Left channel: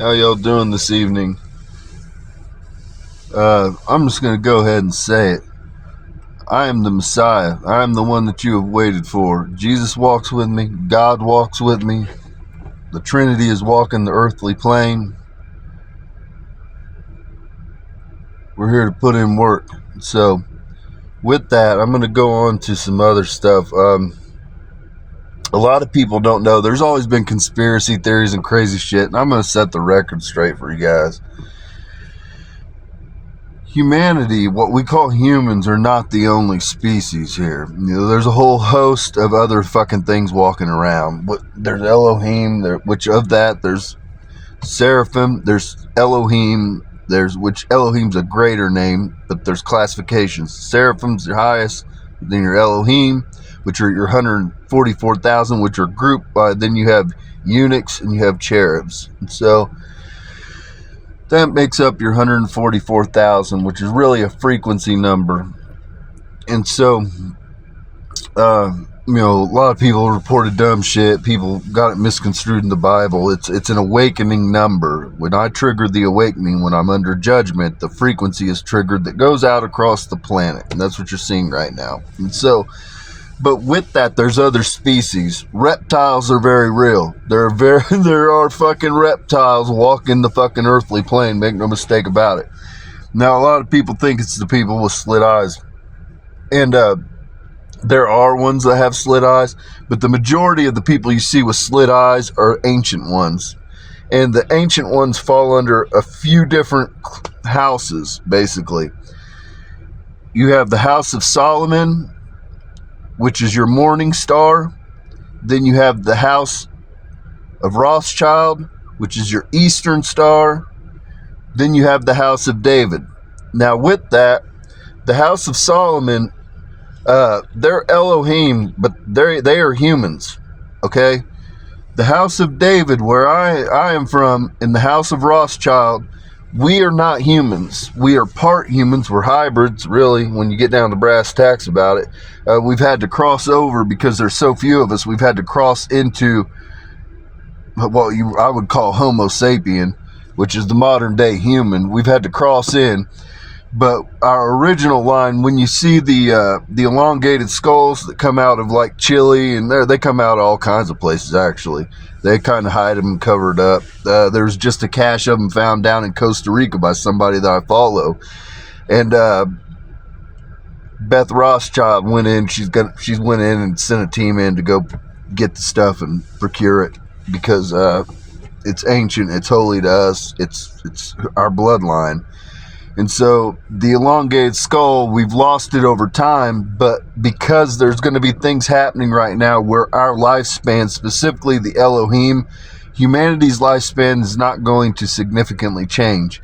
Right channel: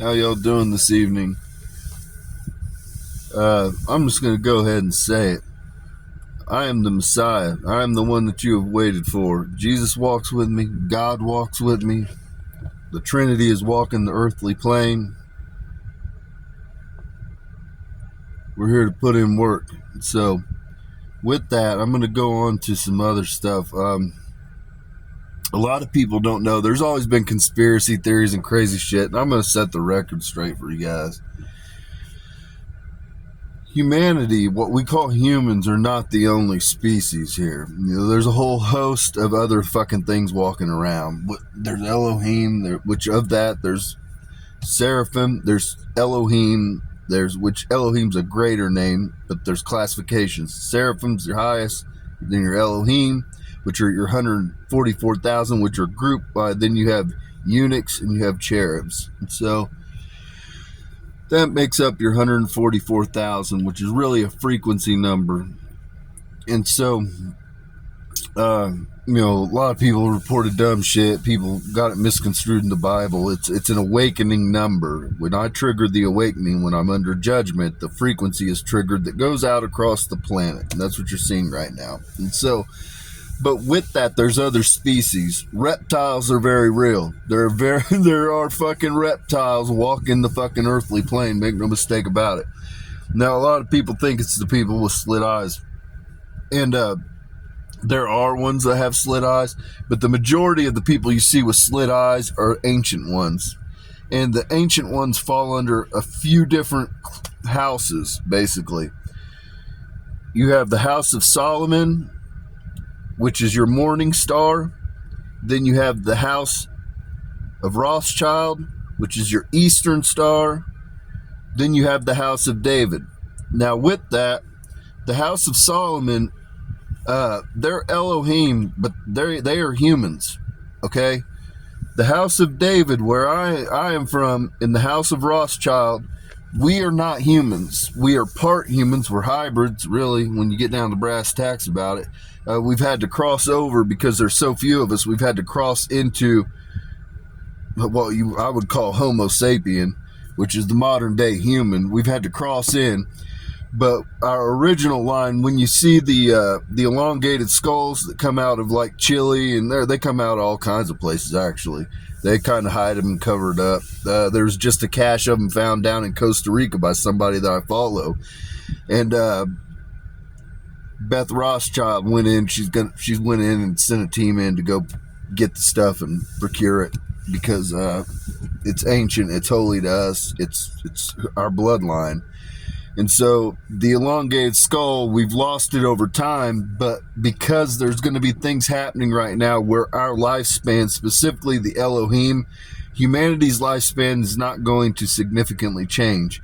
How y'all doing this evening? I'm just going to go ahead and say it. I am the Messiah. I am the one that you have waited for. Jesus walks with me. God walks with me. The Trinity is walking the earthly plane. We're here to put in work. So, with that, I'm going to go on to some other stuff. A lot of people don't know. There's always been conspiracy theories and crazy shit, and I'm going to set the record straight for you guys. Humanity, what we call humans, are not the only species here. There's a whole host of other fucking things walking around. There's Elohim, which of that there's Seraphim, there's Elohim, which Elohim's a greater name, but there's classifications. Seraphim's your highest, then your Elohim, which are your 144,000, which are grouped by. Then you have eunuchs and you have cherubs, and so that makes up your 144,000, which is really a frequency number. And so, a lot of people reported dumb shit. People got it misconstrued in the Bible. It's an awakening number. When I trigger the awakening, when I'm under judgment, the frequency is triggered that goes out across the planet. And that's what you're seeing right now. And so, but with that, there's other species. Reptiles are very real. There are fucking reptiles walking the fucking earthly plane. Make no mistake about it. Now, a lot of people think it's the people with slit eyes. And there are ones that have slit eyes, but the majority of the people you see with slit eyes are ancient ones. And the ancient ones fall under a few different houses, basically. You have the House of Solomon, which is your morning star. Then you have the House of Rothschild, which is your eastern star. Then you have the House of David. Now with that, the House of Solomon, they're Elohim, but they are humans, okay? The House of David, where I am from, in the House of Rothschild, we are not humans. We are part humans. We're hybrids, really, when you get down to brass tacks about it. We've had to cross over because there's so few of us. We've had to cross into what I would call Homo sapien, which is the modern day human. We've had to cross in. But our original line, when you see the elongated skulls that come out of like Chile, and they come out of all kinds of places, actually. They kind of hide them and cover it up. There's just a cache of them found down in Costa Rica by somebody that I follow. And Beth Rothschild went in. She's went in and sent a team in to go get the stuff and procure it because it's ancient. It's holy to us. It's our bloodline. And so the elongated skull, we've lost it over time, but because there's going to be things happening right now where our lifespan, specifically the Elohim, humanity's lifespan is not going to significantly change.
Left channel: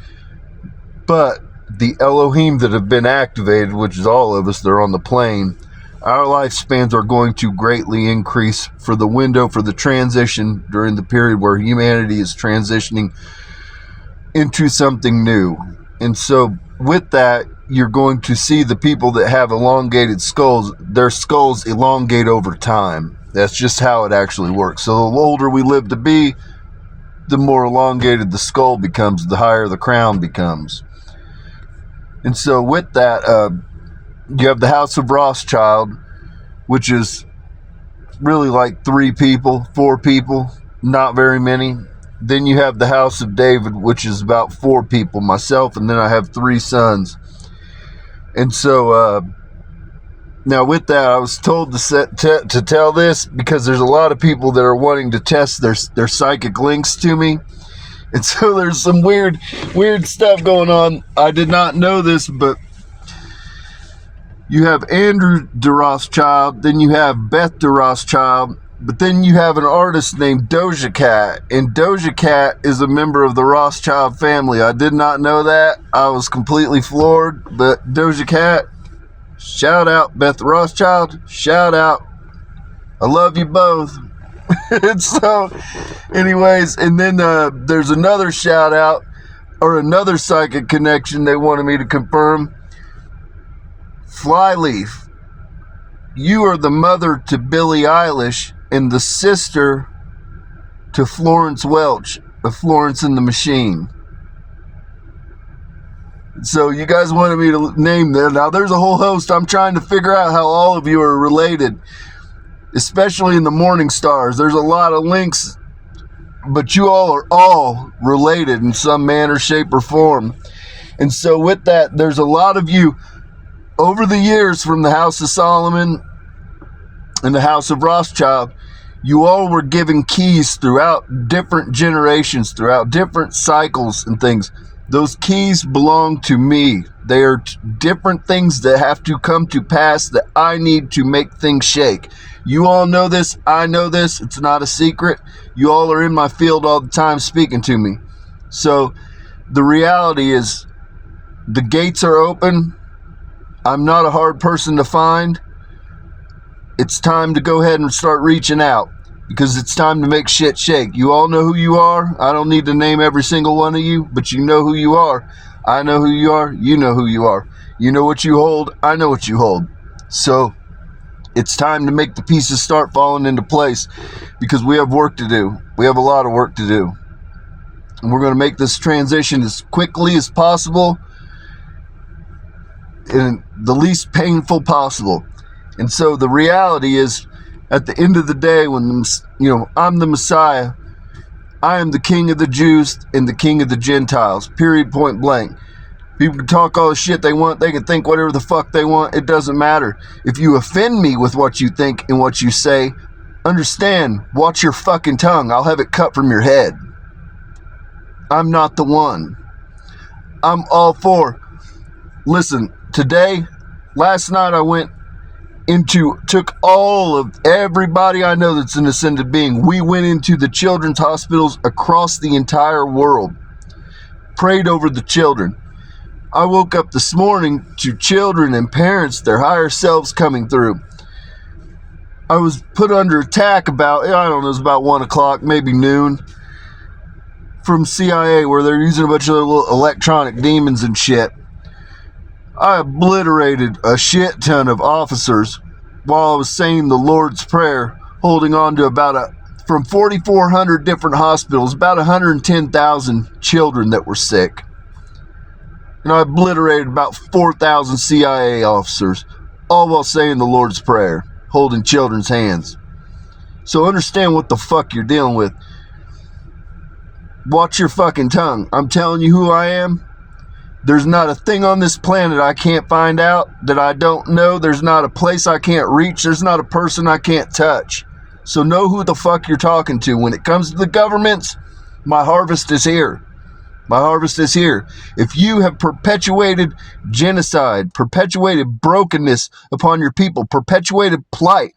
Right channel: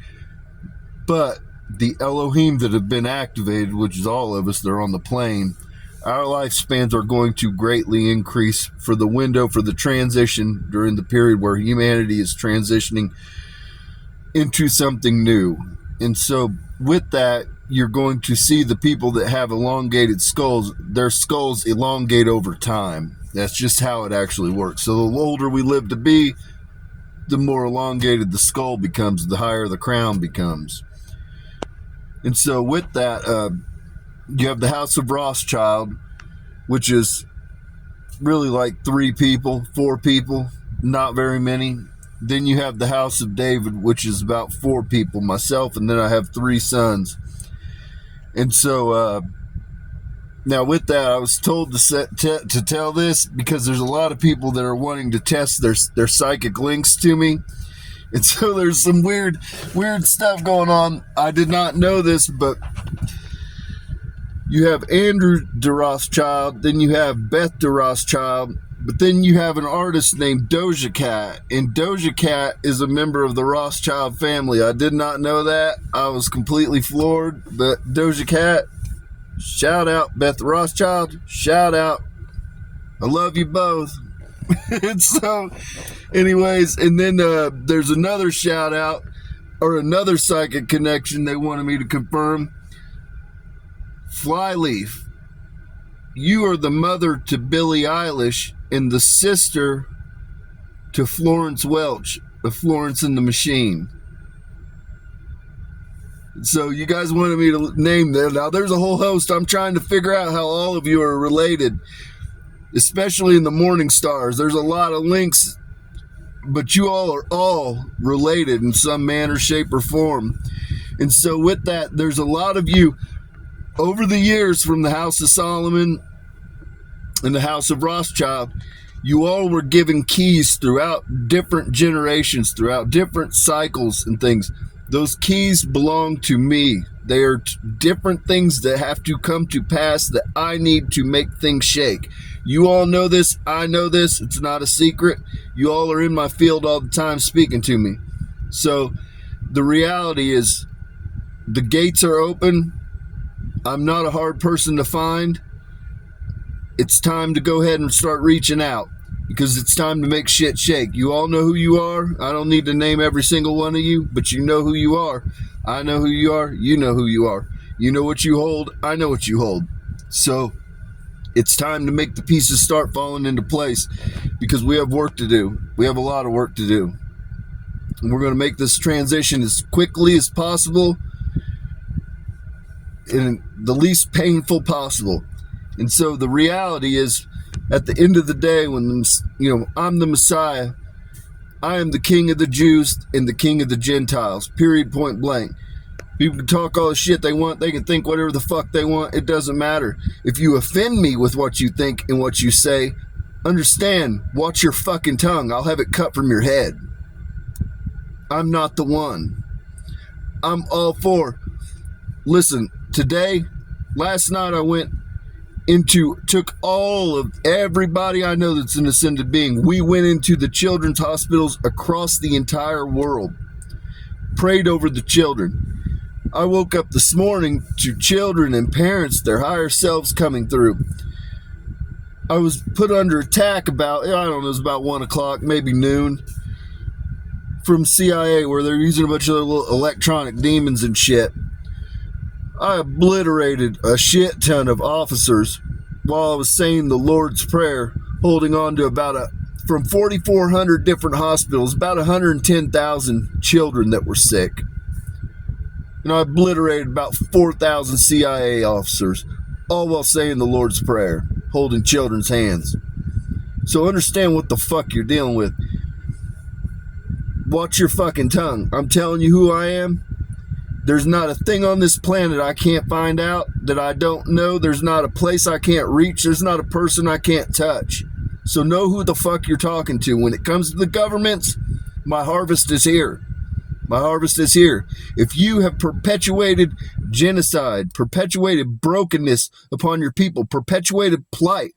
But the Elohim that have been activated, which is all of us, they're on the plane, our lifespans are going to greatly increase for the window, for the transition during the period where humanity is transitioning into something new. And so with that, you're going to see the people that have elongated skulls, their skulls elongate over time. That's just how it actually works. So the older we live to be, the more elongated the skull becomes, the higher the crown becomes. And so with that, you have the House of Rothschild, which is really like 3 people, 4 people, not very many. Then you have the House of David, which is about 4 people, myself, and then I have 3 sons. And so now with that, I was told to tell this because there's a lot of people that are wanting to test their psychic links to me. And so there's some weird stuff going on. I did not know this, but you have Andrew de Rothschild, then you have Beth de Rothschild, but then you have an artist named Doja Cat, and Doja Cat is a member of the Rothschild family. I did not know that. I was completely floored, but Doja Cat, shout out. Beth Rothschild, shout out. I love you both. And so, anyways, and then there's another shout out, or another psychic connection they wanted me to confirm. Flyleaf, you are the mother to Billie Eilish and the sister to Florence Welch. of Florence and the Machine. So you guys wanted me to name that. Now there's a whole host. I'm trying to figure out how all of you are related, especially in the Morning Stars. There's a lot of links, but you all are all related in some manner, shape, or form. And so with that, there's a lot of you over the years from the House of Solomon and the House of Rothschild. You all were given keys throughout different generations, throughout different cycles and things. Those keys belong to me. They are different things that have to come to pass that I need to make things shake. You all know this. I know this. It's not a secret. You all are in my field all the time speaking to me. So the reality is the gates are open. I'm not a hard person to find. It's time to go ahead and start reaching out because it's time to make shit shake. You all know who you are. I don't need to name every single one of you, but you know who you are. I know who you are. You know who you are. You know what you hold. I know what you hold. So it's time to make the pieces start falling into place because we have work to do. We have a lot of work to do. And we're going to make this transition as quickly as possible and the least painful possible. And so the reality is, at the end of the day, when I'm the Messiah, I am the King of the Jews and the King of the Gentiles, period, point blank. People can talk all the shit they want. They can think whatever the fuck they want. It doesn't matter. If you offend me with what you think and what you say, understand, watch your fucking tongue. I'll have it cut from your head. I'm not the one. I'm all for. Listen, last night I took all of everybody I know that's an ascended being. We went into the children's hospitals across the entire world, prayed over the children. I woke up this morning to children and parents, their higher selves coming through. I was put under attack it was about 1 o'clock, maybe noon, from CIA, where they're using a bunch of little electronic demons and shit. I obliterated a shit ton of officers while I was saying the Lord's Prayer, holding on to from 4,400 different hospitals, about 110,000 children that were sick. And I obliterated about 4,000 CIA officers, all while saying the Lord's Prayer, holding children's hands. So understand what the fuck you're dealing with. Watch your fucking tongue. I'm telling you who I am. There's not a thing on this planet I can't find out that I don't know. There's not a place I can't reach. There's not a person I can't touch. So know who the fuck you're talking to. When it comes to the governments, my harvest is here. My harvest is here. If you have perpetuated genocide, perpetuated brokenness upon your people, perpetuated plight,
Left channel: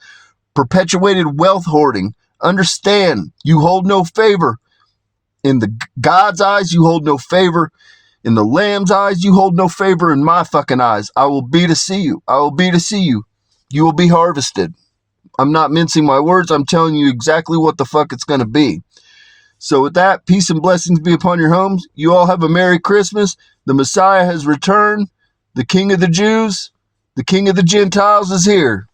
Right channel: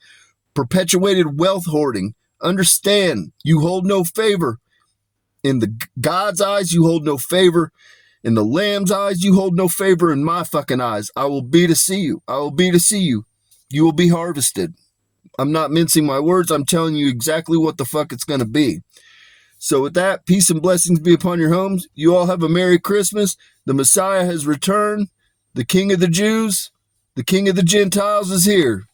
perpetuated wealth hoarding, understand you hold no favor. In the God's eyes, you hold no favor. In the Lamb's eyes, you hold no favor. In my fucking eyes, I will be to see you. I will be to see you. You will be harvested. I'm not mincing my words. I'm telling you exactly what the fuck it's going to be. So with that, peace and blessings be upon your homes. You all have a Merry Christmas. The Messiah has returned. The King of the Jews, the King of the Gentiles is here.